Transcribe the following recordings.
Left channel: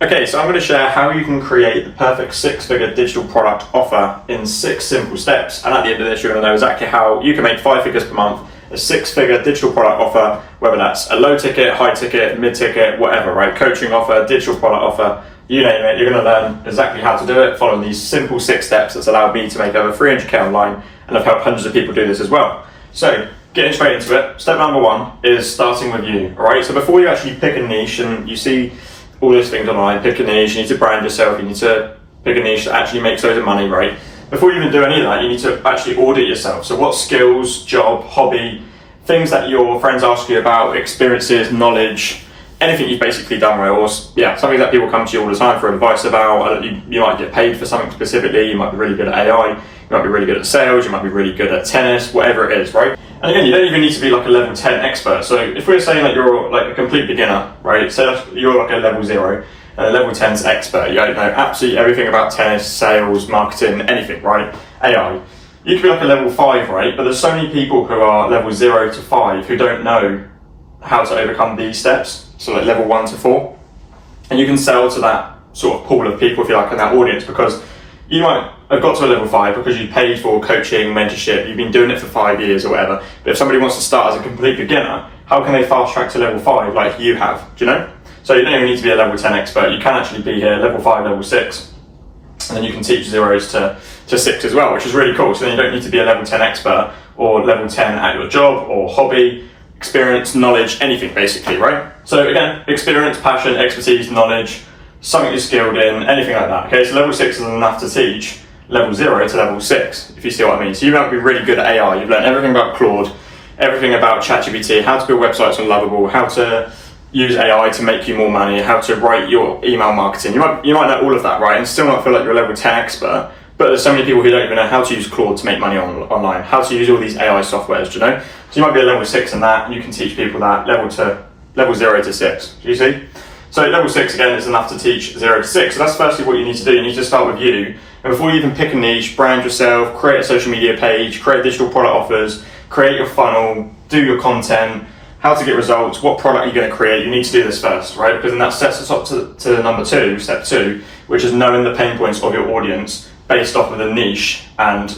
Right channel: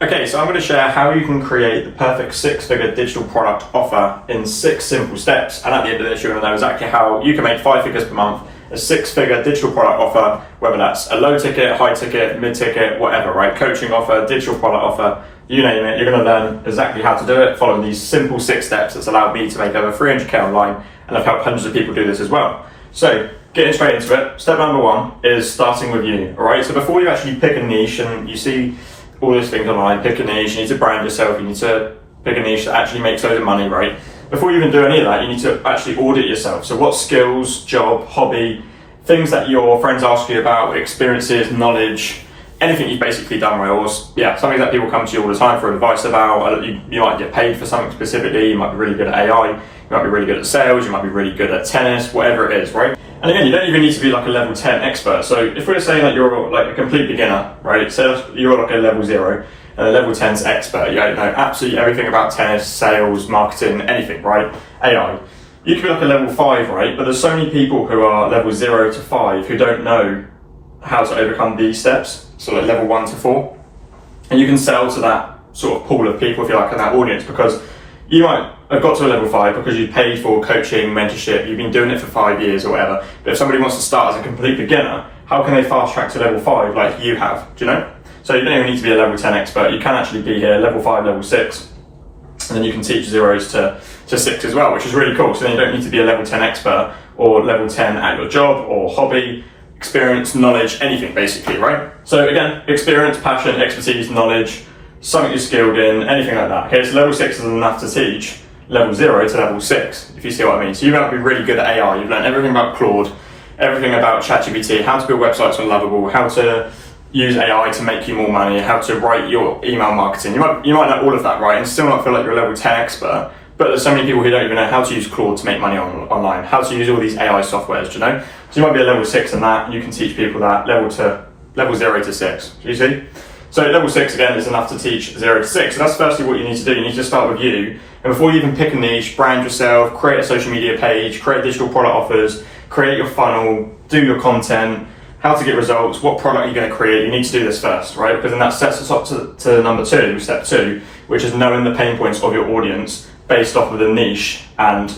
Okay, so I'm going to share how you can create the perfect six-figure digital product offer in 6 simple steps. And at the end of this, you're going to know exactly how you can make 5 figures per month, a six-figure digital product offer, whether that's a low ticket, high ticket, mid ticket, whatever, right? Coaching offer, digital product offer, you name it. You're going to learn exactly how to do it, following these simple 6 steps that's allowed me to make over 300k online, and I've helped hundreds of people do this as well. So, getting straight into it, step number 1 is starting with you, all right? So before you actually pick a niche, and you see all these things online, pick a niche, you need to brand yourself, you need to pick a niche that actually makes loads of money, right? Before you even do any of that, you need to actually audit yourself. So what skills, job, hobby, things that your friends ask you about, experiences, knowledge, anything you've basically done, right? Or something that people come to you all the time for advice about. You might get paid for something specifically, you might be really good at AI, you might be really good at sales, you might be really good at tennis, whatever it is, right? And again, you don't even need to be like a level 10 expert. So if we're saying that you're like a complete beginner, right? Say you're like a level 0, and a level 10's expert. You don't know absolutely everything about tennis, sales, marketing, anything, right? AI. You could be like a level 5, right? But there's so many people who are level 0 to 5 who don't know how to overcome these steps. So like level 1 to 4. And you can sell to that sort of pool of people, if you like, in that audience, because you might have got to a level 5 because you paid for coaching, mentorship, you've been doing it for 5 years or whatever. But if somebody wants to start as a complete beginner, how can they fast track to level 5 like you have? Do you know? So you don't even need to be a level 10 expert. You can actually be here, level 5, level 6, and then you can teach zeros to 6 as well, which is really cool. So then you don't need to be a level 10 expert or level 10 at your job or hobby, experience, knowledge, anything basically, right? So again, experience, passion, expertise, knowledge, something you're skilled in, anything like that. Okay, so level 6 is enough to teach level 0 to level 6, if you see what I mean. So you might be really good at AI, you've learned everything about Claude, everything about ChatGPT, how to build websites on Lovable, how to use AI to make you more money, how to write your email marketing. You might know all of that, right? And still not feel like you're a level 10 expert, but there's so many people who don't even know how to use Claude to make money online, how to use all these AI softwares, do you know? So you might be a level 6 in that, and you can teach people that, level 0 to 6, do you see? So level 6, again, is enough to teach 0 to 6. So that's firstly what you need to do. You need to start with you. And before you even pick a niche, brand yourself, create a social media page, create digital product offers, create your funnel, do your content, how to get results, what product you're going to create. You need to do this first, right? Because then that sets us up to number 2, step 2, which is knowing the pain points of your audience based off of the niche and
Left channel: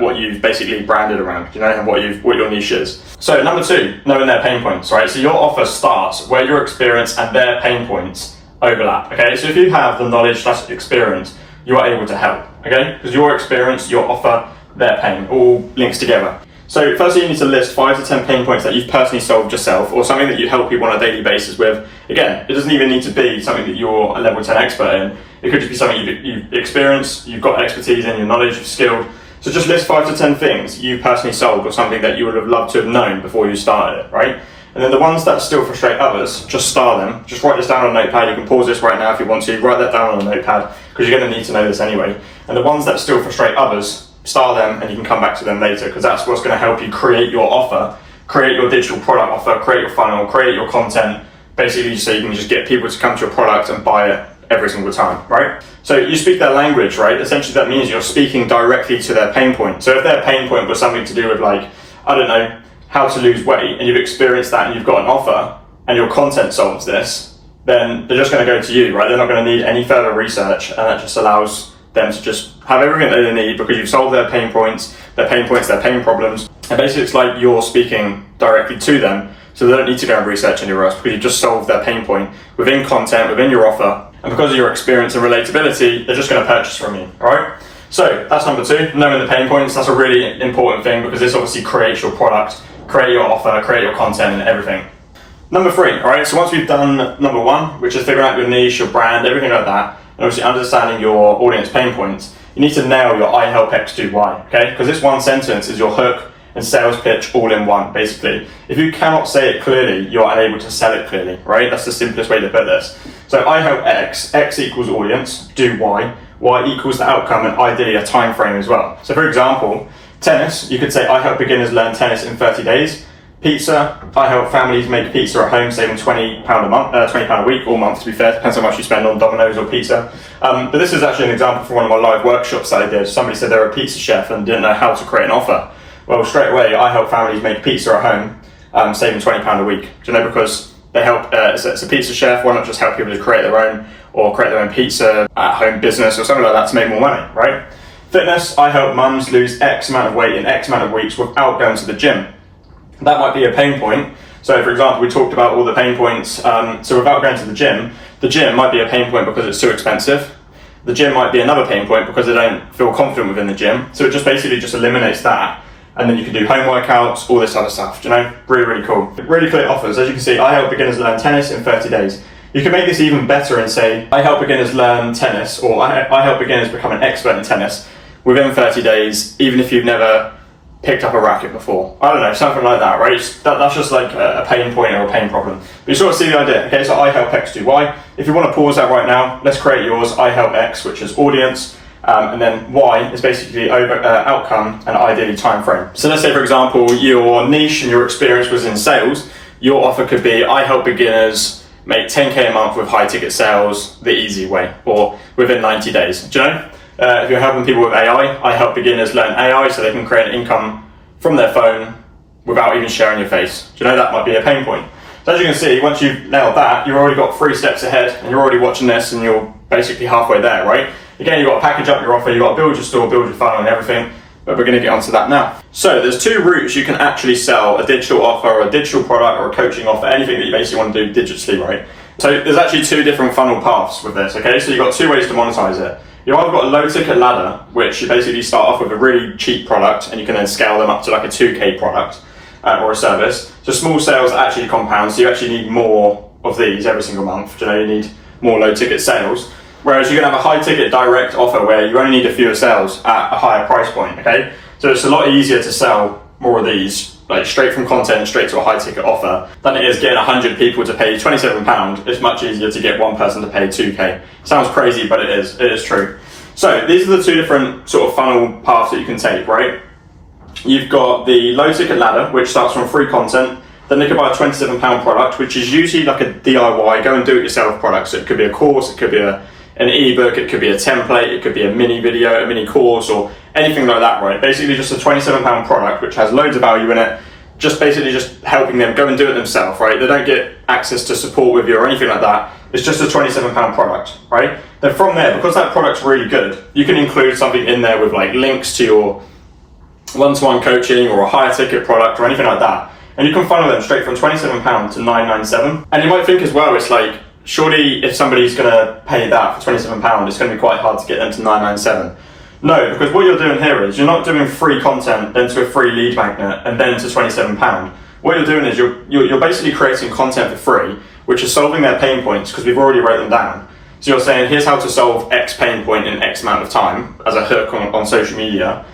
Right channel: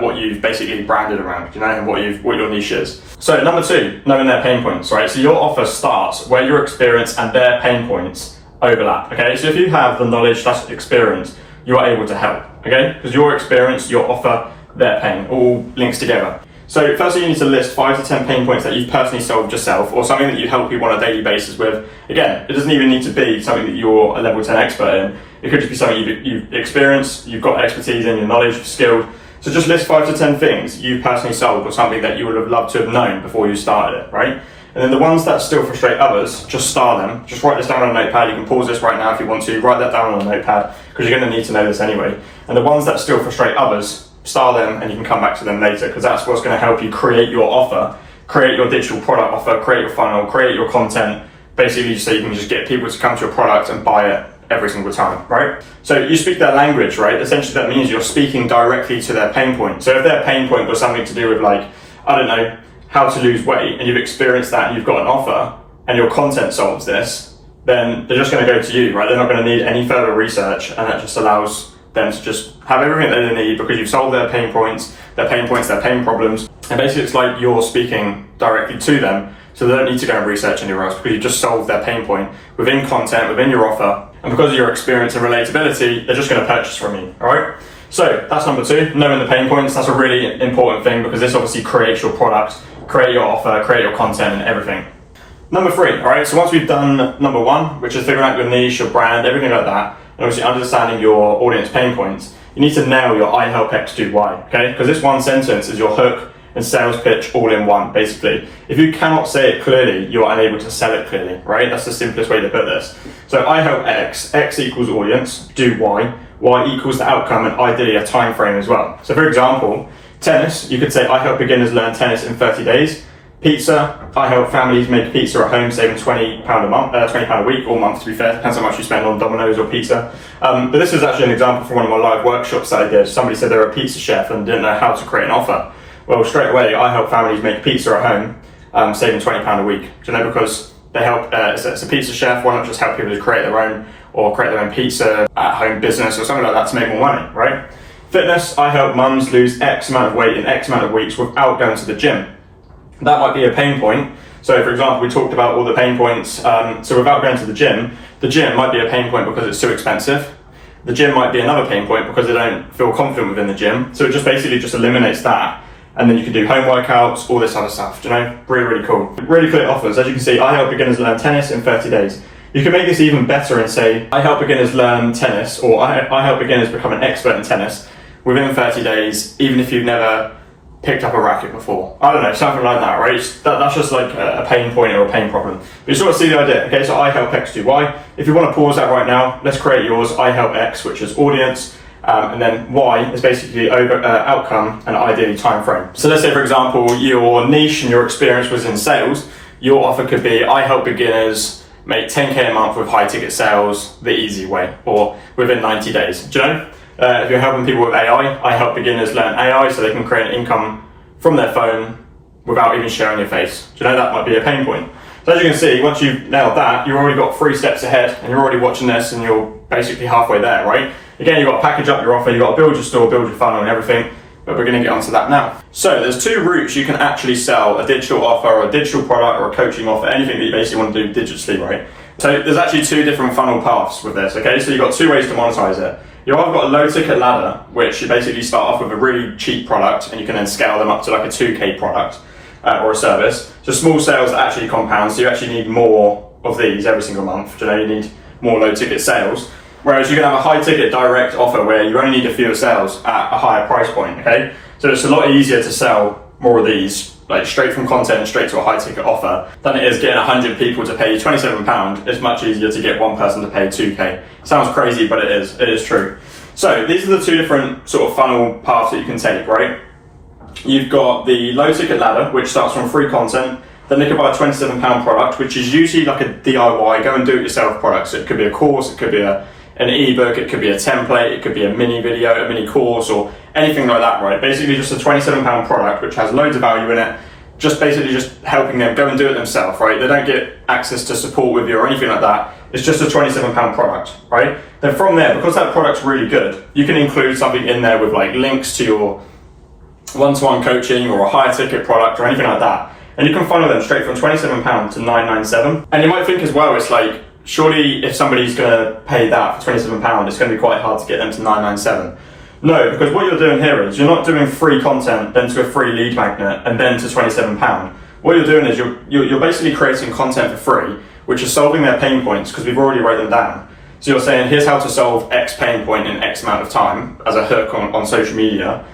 what you've basically branded around, you know, and what your niche is. So number 2, knowing their pain points, right? So your offer starts where your experience and their pain points overlap, okay? So if you have the knowledge / experience, you are able to help, okay? Because your experience, your offer, their pain, all links together. So firstly, you need to list 5 to 10 pain points that you've personally solved yourself, or something that you help people on a daily basis with. Again, it doesn't even need to be something that you're a level 10 expert in. It could just be something you've experienced, you've got expertise in, your knowledge, you're skilled. So just list 5 to 10 things you personally solved, or something that you would have loved to have known before you started it, right? And then the ones that still frustrate others, just star them. Just write this down on a notepad. You can pause this right now if you want to. Write that down on a notepad, because you're going to need to know this anyway. And the ones that still frustrate others, star them, and you can come back to them later, because that's what's going to help you create your offer, create your digital product offer, create your funnel, create your content, basically so you can just get people to come to your product and buy it every single time, right? So you speak their language, right? Essentially that means you're speaking directly to their pain point. So if their pain point was something to do with, like, I don't know, how to lose weight, and you've experienced that and you've got an offer and your content solves this, then they're just going to go to you, right? They're not going to need any further research, and that just allows them to just have everything that they need because you've solved their pain points, their pain problems. And basically it's like you're speaking directly to them, so they don't need to go and research anywhere else, because you just solved their pain point within content, within your offer. And because of your experience and relatability, they're just going to purchase from you, all right? So that's number 2, knowing the pain points. That's a really important thing, because this obviously creates your product, create your offer, create your content and everything. Number 3, all right? So once we've done number 1, which is figuring out your niche, your brand, everything like that, and obviously understanding your audience pain points, you need to nail your I help X do Y, okay? Because this one sentence is your hook and sales pitch all in one, basically. If you cannot say it clearly, you're unable to sell it clearly, right? That's the simplest way to put this. So I help X, X equals audience, do Y, Y equals the outcome, and ideally a time frame as well. So for example, tennis, you could say I help beginners learn tennis in 30 days. Pizza, I help families make pizza at home, saving £20 a month, £20 a week or month, to be fair, depends how much you spend on Domino's or pizza. But this is actually an example from one of my live workshops that I did. Somebody said they were a pizza chef and didn't know how to create an offer. Well, straight away, I help families make pizza at home, saving £20 a week. Do you know, because they help, it's a pizza chef, why not just help people to create their own, or create their own pizza at home business or something like that to make more money, right? Fitness, I help mums lose X amount of weight in X amount of weeks without going to the gym. That might be a pain point. So for example, we talked about all the pain points. So without going to the gym might be a pain point because it's too expensive. The gym might be another pain point because they don't feel confident within the gym. So it just basically just eliminates that. And then you can do home workouts, all this other stuff, you know? Really, really cool. Really clear offers. As you can see, I help beginners learn tennis in 30 days. You can make this even better and say, I help beginners learn tennis, or I help beginners become an expert in tennis within 30 days, even if you've never picked up a racket before. I don't know, something like that, right? That's just like a pain point or a pain problem. But you sort of see the idea. Okay, so I help X do Y. If you want to pause that right now, let's create yours. I help X, which is audience. And then Y is basically outcome and ideally time frame. So let's say, for example, your niche and your experience was in sales. Your offer could be, I help beginners make 10K a month with high ticket sales the easy way, or within 90 days. Do you know? If you're helping people with AI, I help beginners learn AI so they can create an income from their phone without even showing your face. Do you know, that might be a pain point. So as you can see, once you've nailed that, you've already got 3 steps ahead and you're already watching this and you're basically halfway there, right? Again, you've got to package up your offer, you've got to build your store, build your funnel and everything, but we're going to get onto that now. So there's 2 routes you can actually sell a digital offer or a digital product or a coaching offer, anything that you basically want to do digitally, right? So there's actually 2 different funnel paths with this, okay? So you've got 2 ways to monetize it. You've either got a low ticket ladder, which you basically start off with a really cheap product and you can then scale them up to like a 2K product or a service. So small sales actually compound, so you actually need more of these every single month. You know, you need more low ticket sales. Whereas you can have a high ticket direct offer where you only need a fewer sales at a higher price point, okay? So it's a lot easier to sell more of these, like straight from content straight to a high ticket offer, than it is getting 100 people to pay £27. It's much easier to get one person to pay 2K. Sounds crazy, but it is true. So these are the 2 different sort of funnel paths that you can take, right? You've got the low ticket ladder, which starts from free content. Then they could buy a £27 product, which is usually like a DIY, go and do it yourself product. So it could be a course, it could be an ebook, it could be a template, it could be a mini video, a mini course, or anything like that, right? Basically just a £27 product, which has loads of value in it, just basically just helping them go and do it themselves, right? They don't get access to support with you or anything like that. It's just a £27 product, right? Then from there, because that product's really good, you can include something in there with like links to your one-to-one coaching or a higher ticket product or anything like that. And you can funnel them straight from £27 to $997. And you might think as well, it's like, surely if somebody's gonna pay that for £27, it's gonna be quite hard to get them to $997. No, because what you're doing here is you're not doing free content, then to a free lead magnet, and then to £27. What you're doing is you're basically creating content for free, which is solving their pain points because we've already wrote them down. So you're saying, here's how to solve X pain point in X amount of time as a hook on social media.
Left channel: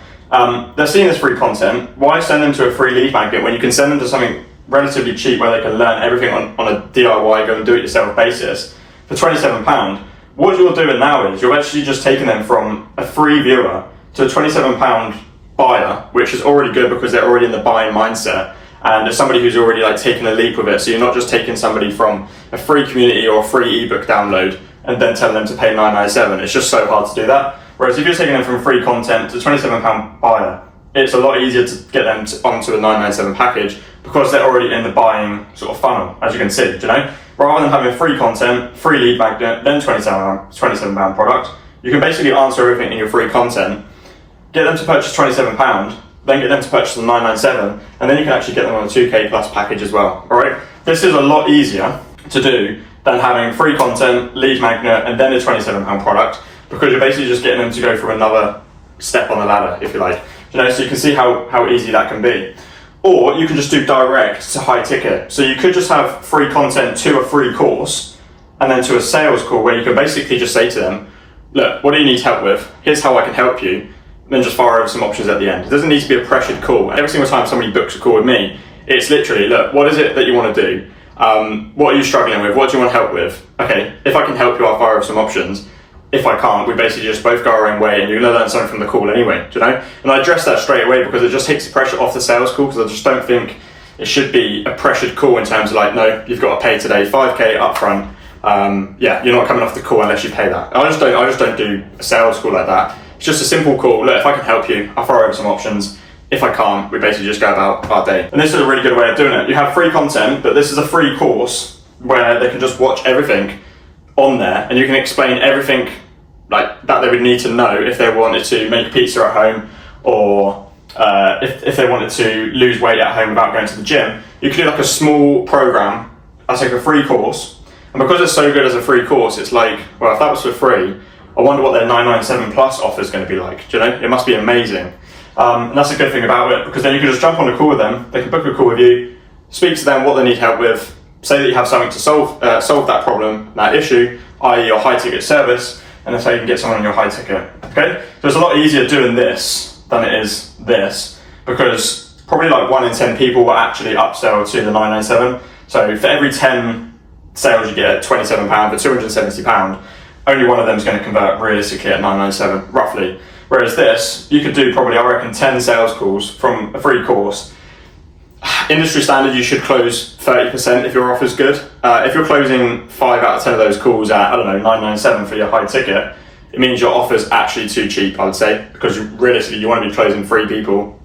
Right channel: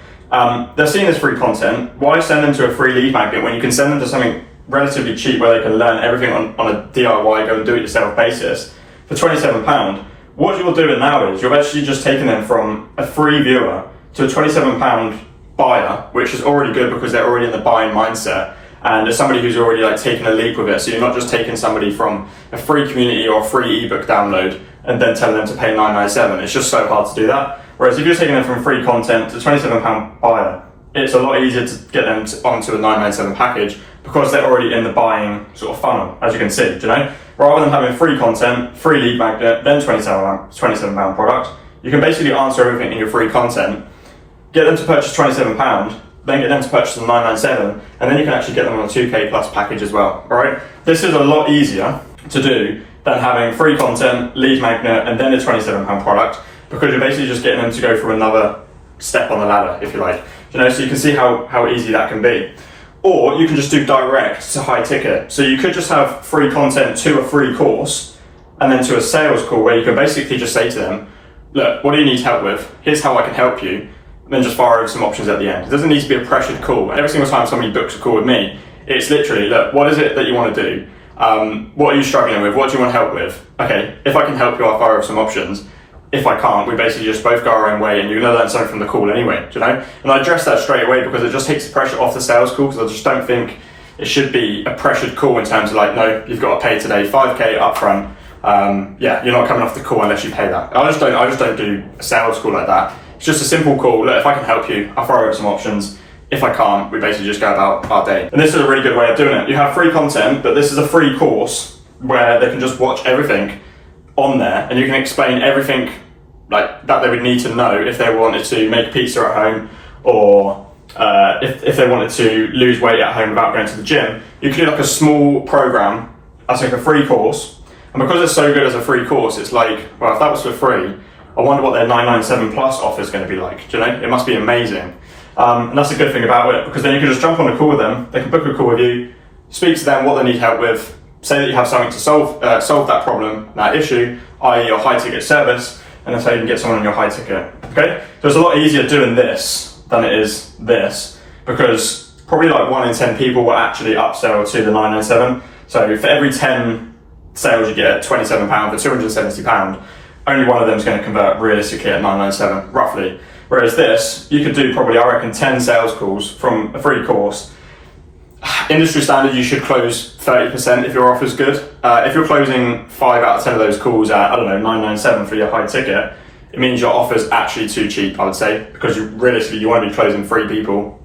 They're seeing this free content. Why send them to a free lead magnet when you can send them to something relatively cheap where they can learn everything on a DIY, go and do it yourself basis for £27? What you're doing now is you're actually just taking them from a free viewer to a £27 buyer, which is already good because they're already in the buying mindset. And as somebody who's already like taken a leap with it, so you're not just taking somebody from a free community or a free ebook download and then telling them to pay $997. It's just so hard to do that. Whereas if you're taking them from free content to £27 buyer, it's a lot easier to get them onto a $997 package because they're already in the buying sort of funnel, as you can see, you know? Rather than having free content, free lead magnet, then £27 product, you can basically answer everything in your free content, get them to purchase £27, then get them to purchase the $997, and then you can actually get them on a 2K plus package as well, all right? This is a lot easier to do than having free content, lead magnet, and then the £27 product, because you're basically just getting them to go through another step on the ladder, if you like. You know, so you can see how easy that can be. Or you can just do direct to high ticket. So you could just have free content to a free course, and then to a sales call where you can basically just say to them, look, what do you need help with? Here's how I can help you. Then just fire over some options at the end. It doesn't need to be a pressured call. Every single time somebody books a call with me, it's literally, look, what is it that you want to do? What are you struggling with? What do you want help with? Okay, if I can help you, I'll fire over some options. If I can't, we basically just both go our own way and you're going to learn something from the call anyway, do you know? And I address that straight away because it just takes the pressure off the sales call, because I just don't think it should be a pressured call in terms of like, no, you've got to pay today 5K up front. Yeah, you're not coming off the call unless you pay that. I just don't do a sales call like that. It's just a simple call. Look, if I can help you, I'll throw over some options. If I can't, we basically just go about our day. And this is a really good way of doing it. You have free content, but this is a free course where they can just watch everything on there, and you can explain everything like that they would need to know if they wanted to make pizza at home, or if they wanted to lose weight at home without going to the gym. You can do like a small program as like a free course, and because it's so good as a free course, it's like, well, if that was for free, I wonder what their 997 plus offer is going to be like. Do you know? It must be amazing. And that's a good thing about it, because then you can just jump on a call with them. They can book a call with you, speak to them what they need help with, say that you have something to solve that problem, that issue, i.e. your high ticket service, and that's how you can get someone on your high ticket. Okay? So it's a lot easier doing this than it is this, because probably like 1 in 10 people will actually upsell to the 997. So for every 10 sales you get at £27 for £270, only one of them is going to convert realistically at 997, roughly. Whereas this, you could do probably, I reckon, 10 sales calls from a free course. Industry standard, you should close 30% if your offer's good. If you're closing 5 out of 10 of those calls at, I don't know, 997 for your high ticket, it means your offer's actually too cheap, I would say, because realistically you want to be closing 3 people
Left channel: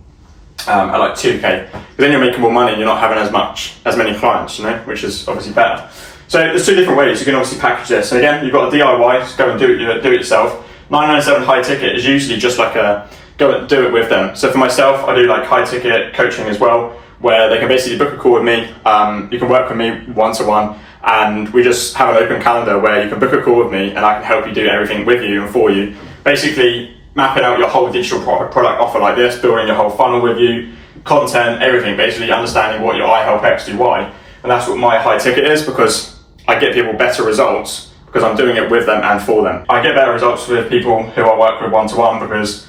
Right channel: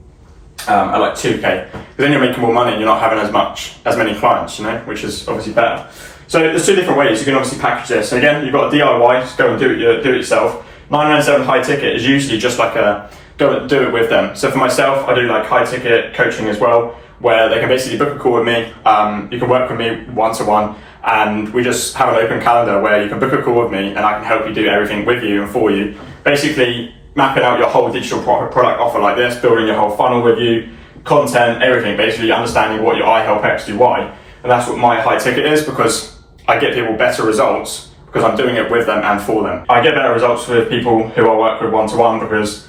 at like 2k, because then you're making more money and you're not having as many clients, you know, which is obviously better. So there's 2 different ways you can obviously package this. And again, you've got a DIY, just go and do it yourself. 997 high ticket is usually just like a go and do it with them. So for myself, I do like high ticket coaching as well, where they can basically book a call with me. You can work with me one-to-one, and we just have an open calendar where you can book a call with me and I can help you do everything with you and for you. Basically mapping out your whole digital product offer like this, building your whole funnel with you, content, everything, basically understanding what your I help X do Y. And that's what my high ticket is, because I get people better results because I'm doing it with them and for them. I get better results with people who I work with one-to-one, because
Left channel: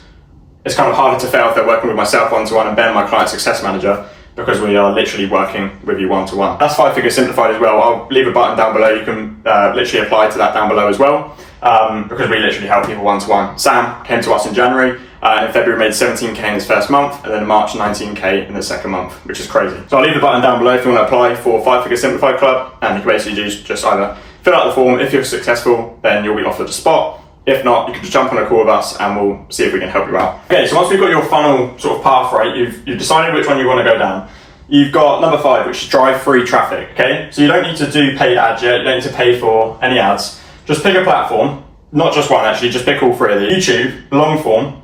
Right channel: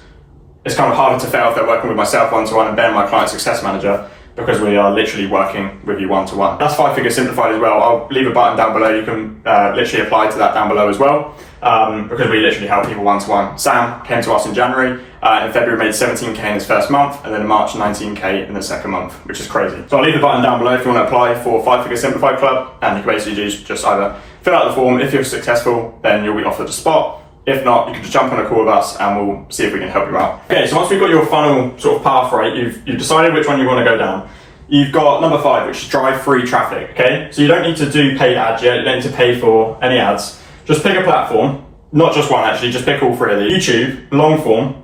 it's kind of harder to fail if they're working with myself one-to-one and Ben, my client success manager, because we are literally working with you one-to-one. That's 5 Figure Simplified as well. I'll leave a button down below. You can literally apply to that down below as well, because we literally help people one-to-one. Sam came to us in January. In February made 17k in his first month, and then in March 19k in the second month, which is crazy. So I'll leave the button down below if you want to apply for 5 Figure Simplified Club, and you can basically just either fill out the form. If you're successful, then you'll be offered a spot. If not, you can just jump on a call with us and we'll see if we can help you out. Okay, so once we've got your funnel sort of path right, you've decided which one you want to go down. You've got number 5, which is drive free traffic, okay? So you don't need to do paid ads yet, you don't need to pay for any ads. Just pick a platform, not just one actually, just pick all 3 of these. YouTube, long form,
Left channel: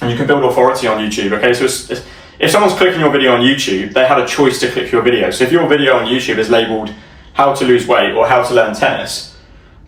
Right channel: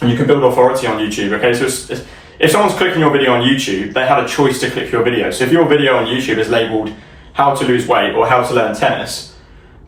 and you can build authority on YouTube, okay? So if someone's clicking your video on YouTube, they had a choice to click your video. So if your video on YouTube is labeled how to lose weight or how to learn tennis,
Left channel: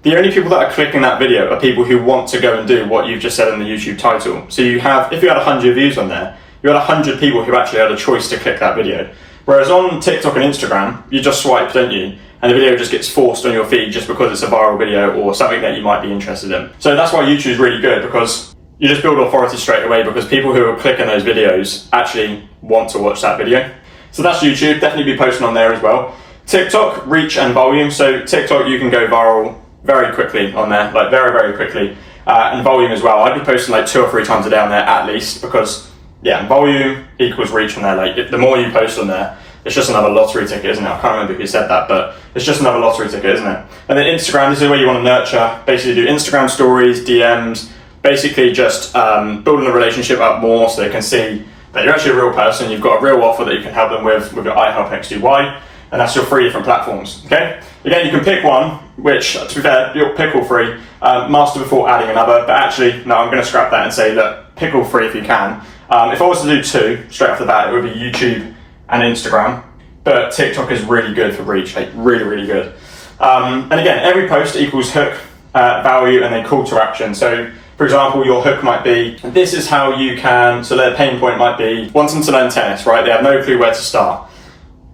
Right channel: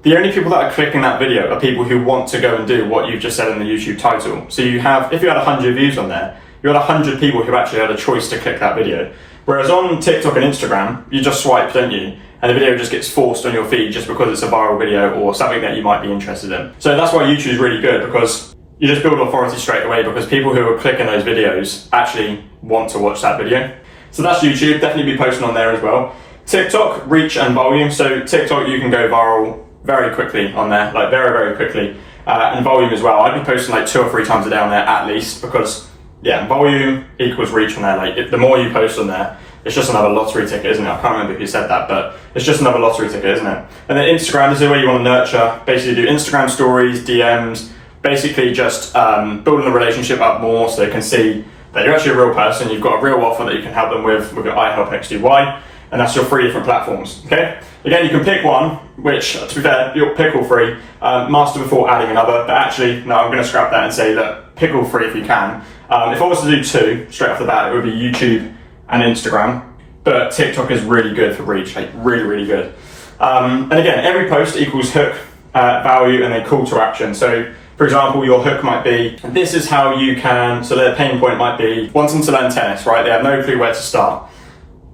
the only people that are clicking that video are people who want to go and do what you've just said in the YouTube title. So if you had 100 views on there, you had 100 people who actually had a choice to click that video. Whereas on TikTok and Instagram, you just swipe, don't you? And the video just gets forced on your feed just because it's a viral video or something that you might be interested in. So that's why YouTube is really good, because you just build authority straight away, because people who are clicking those videos actually want to watch that video. So that's YouTube, definitely be posting on there as well. TikTok, reach and volume. So TikTok, you can go viral very quickly on there, like very, very quickly. And volume as well. I'd be posting like 2 or 3 times a day on there at least, because yeah, volume equals reach on there. Like the more you post on there, it's just another lottery ticket, isn't it? I can't remember who said that, but it's just another lottery ticket, isn't it? And then Instagram, this is where you want to nurture, basically do Instagram stories, DMs, basically just building a relationship up more so they can see that you're actually a real person, you've got a real offer that you can help them with your I help X do Y, and that's your 3 different platforms, okay? Again, you can pick one, which, to be fair, you'll pick all 3, master before adding another, but actually, no, I'm going to scrap that and say that pick all 3 if you can. If I was to do 2, straight off the bat, it would be YouTube and Instagram, but TikTok is really good for reach, like really, really good. And again, every post equals hook, value, and then call to action. So, for example, your hook might be, this is how you can, so their pain point might be, wanting to learn tennis, right? They have no clue where to start.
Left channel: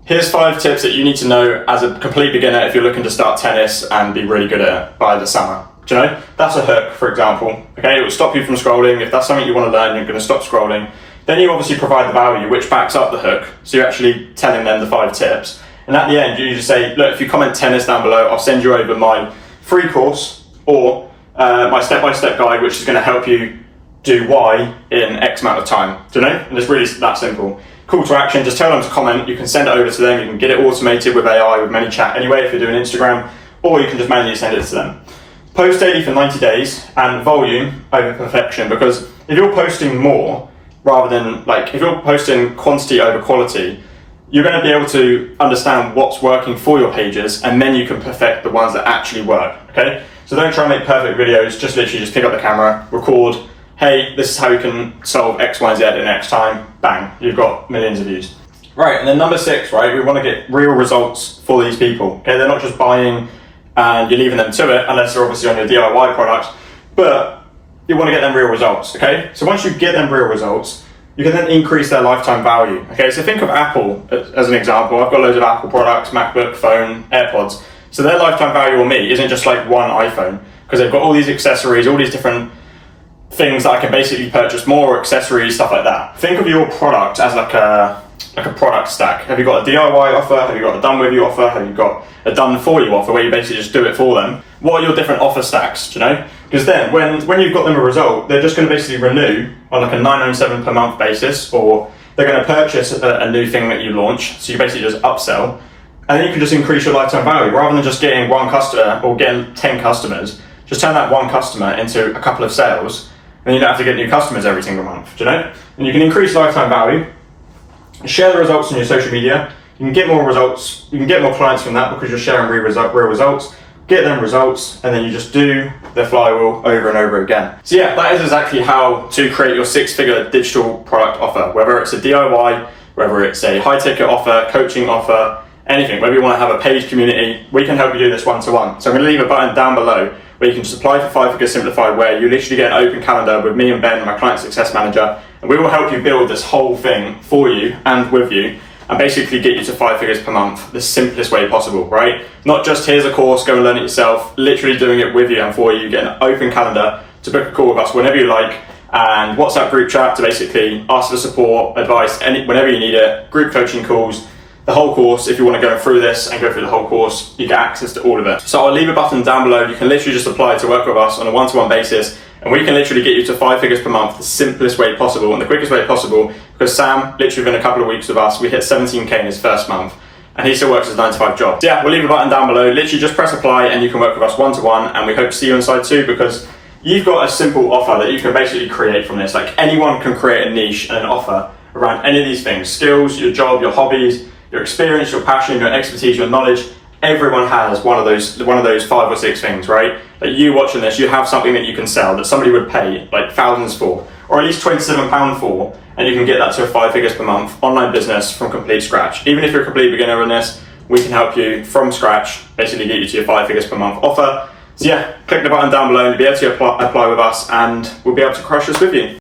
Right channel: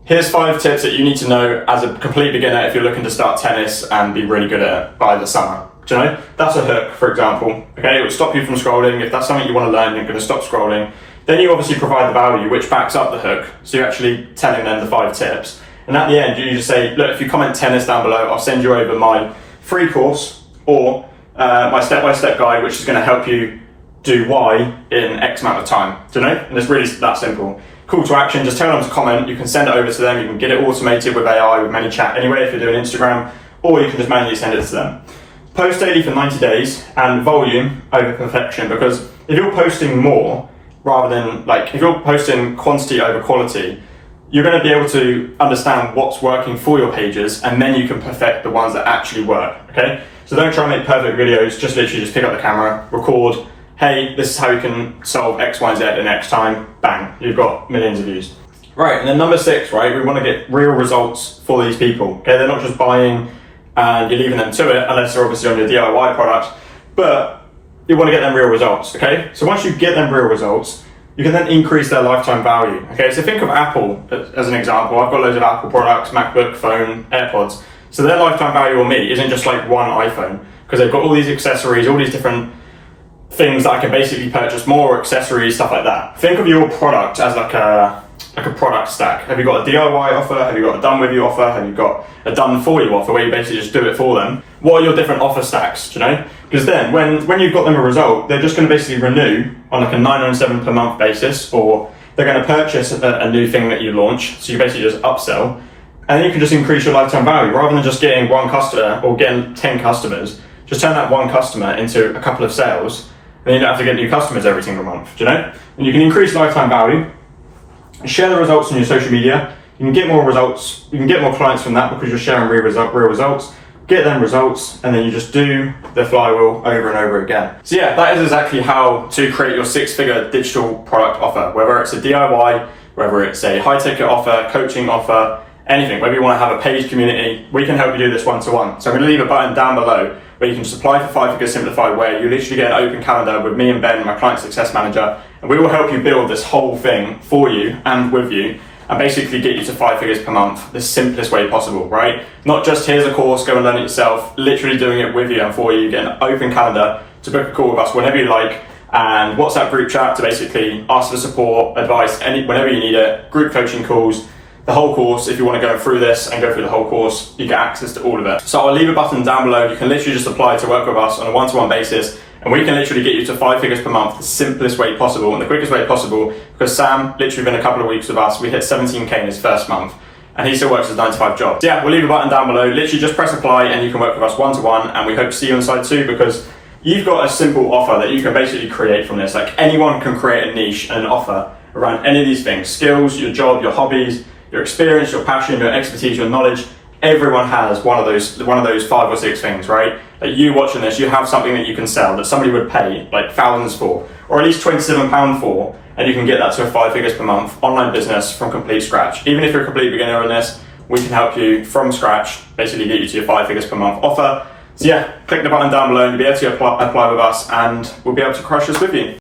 Here's 5 tips that you need to know as a complete beginner if you're looking to start tennis and be really good at it by the summer. Do you know? That's a hook, for example. Okay, it will stop you from scrolling. If that's something you want to learn, you're going to stop scrolling. Then you obviously provide the value, which backs up the hook. So you're actually telling them the 5 tips. And at the end, you just say, look, if you comment tennis down below, I'll send you over my free course or my step-by-step guide, which is going to help you do Y in X amount of time. Do you know? And it's really that simple. Call to action, just tell them to comment. You can send it over to them. You can get it automated with AI, with ManyChat anyway, if you're doing Instagram, or you can just manually send it to them. Post daily for 90 days and volume over perfection, because if you're posting more rather than, like, if you're posting quantity over quality, you're going to be able to understand what's working for your pages, and then you can perfect the ones that actually work, okay? So don't try and make perfect videos, just literally just pick up the camera, record, hey, this is how you can solve X, Y, and Z in X time, bang, you've got millions of views. Right, and then number 6, right, we want to get real results for these people, okay? They're not just buying and you're leaving them to it, unless they're obviously on your DIY product, but you want to get them real results, okay? So once you get them real results, you can then increase their lifetime value, okay? So think of Apple as an example. I've got loads of Apple products, MacBook, phone, AirPods. So their lifetime value on me isn't just like one iPhone, because they've got all these accessories, all these different things that I can basically purchase more accessories, stuff like that. Think of your product as like a product stack. Have you got a DIY offer? Have you got a done with you offer? Have you got a done for you offer where you basically just do it for them? What are your different offer stacks, do you know? Because then when you've got them a result, they're just going to basically renew on like a $9.97 per month basis, or they're going to purchase a new thing that you launch. So you basically just upsell, and then you can just increase your lifetime value rather than just getting one customer or getting 10 customers. Just turn that one customer into a couple of sales, and you don't have to get new customers every single month, do you know? And you can increase lifetime value, share the results on your social media. You can get more results, you can get more clients from that because you're sharing real results, get them results, and then you just do the flywheel over and over again. So yeah, that is exactly how to create your 6-figure digital product offer, whether it's a DIY, whether it's a high ticket offer, coaching offer, anything, whether you want to have a page community, we can help you do this one-to-one. So I'm going to leave a button down below where you can just apply for 5 Figure Simplified, where you literally get an open calendar with me and Ben, my client success manager, and we will help you build this whole thing for you and with you, and basically get you to 5 figures per month the simplest way possible, right? Not just here's a course, go and learn it yourself, literally doing it with you and for you. You get an open calendar to book a call with us whenever you like, and WhatsApp group chat to basically ask for support, advice, whenever you need it, group coaching calls, the whole course. If you want to go through this and go through the whole course, you get access to all of it. So I'll leave a button down below. You can literally just apply to work with us on a one-to-one basis, and we can literally get you to 5 figures per month the simplest way possible and the quickest way possible, because Sam, literally within a couple of weeks with us, we hit 17K in his first month, and he still works his 9-to-5 job. So yeah, we'll leave a button down below. Literally just press apply and you can work with us one-to-one, and we hope to see you inside too, because you've got a simple offer that you can basically create from this. Like, anyone can create a niche and an offer around any of these things: skills, your job, your hobbies, your experience, your passion, your expertise, your knowledge. Everyone has one of those 5 or 6 things, right? Like, you watching this, you have something that you can sell that somebody would pay like thousands for, or at least £27 for, and you can get that to a 5 figures per month online business from complete scratch. Even if you're a complete beginner on this, we can help you from scratch, basically get you to your 5 figures per month offer. So yeah, click the button down below to be able to apply with us, and we'll be able to crush this with you.